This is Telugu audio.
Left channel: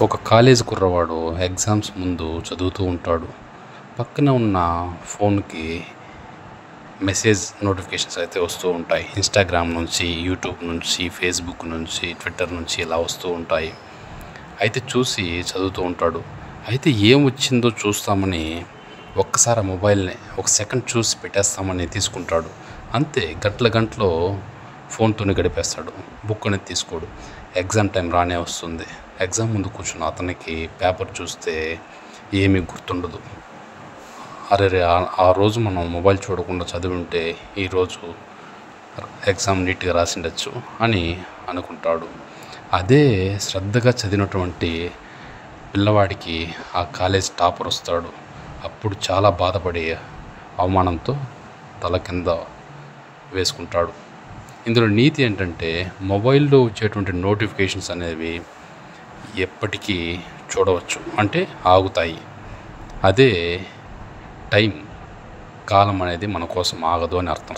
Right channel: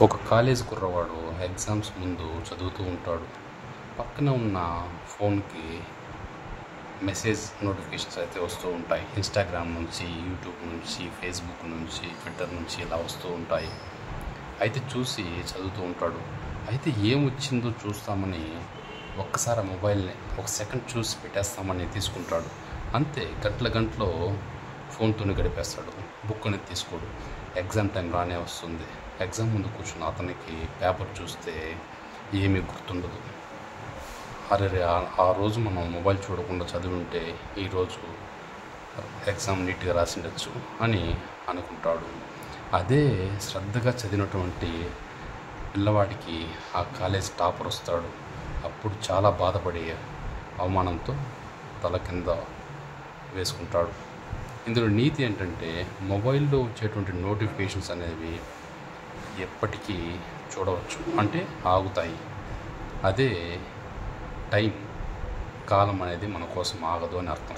ఒక కాలేజీ కుర్రవాడు ఎగ్జామ్స్ ముందు చదువుతూ ఉంటాడు. పక్కన ఉన్న ఫోన్‌కి మెసేజ్ నోటిఫికేషన్స్ అయితే వస్తూ ఉంటాయి. ఇన్‌స్టాగ్రామ్ నుంచి, యూట్యూబ్ నుంచి, ఫేస్‌బుక్ నుంచి, ట్విట్టర్ నుంచి ఇలా వస్తూ ఉంటాయి. అయితే చూసి చదువుతూ ఉంటాడు. అయితే ఏం వచ్చిందో చూస్తామని ఒక్కసారి ఆ మొబైల్‌ని ఒక సెకండ్ చూసి పెట్టేస్తామని తీసుకుంటాడు. అంతే గంటలో ఫోన్‌తోనే గడిపేస్తాడు. బుక్ అనేది తీసుకోడు. ఎగ్జామ్ టైం రానే వస్తుంది. ఎగ్జామ్ ముందు కూర్చున్న అతనికి పేపర్ చూస్తే ఏమీ గుర్తుండదు. అరెరే! ఆ రోజు మనం మొబైల్ చూడకుండా చదివుంటే ఈరోజు ఎగ్జామ్ నీట్‌గా రాసుండొచ్చు అని అనుకుంటాడు. అదే శ్రద్ధగా చదివినటువంటి పిల్లవాడికి ఆ కాలేజ్ టాపర్ వస్తాడు. అప్పుడు చాలా బాధపడి అవమానంతో తల కింద వేసుకుంటాడు. ఇందులో నీతి ఏంటంటే మొబైల్‌లో వచ్చేటువంటి నోటిఫికేషన్స్ అనేవి ఎప్పటికీ చూడవచ్చు. అంటే ఆగుతాయి. అదే కాలం అనేది మన కోసం ఆగదు అని అర్థం.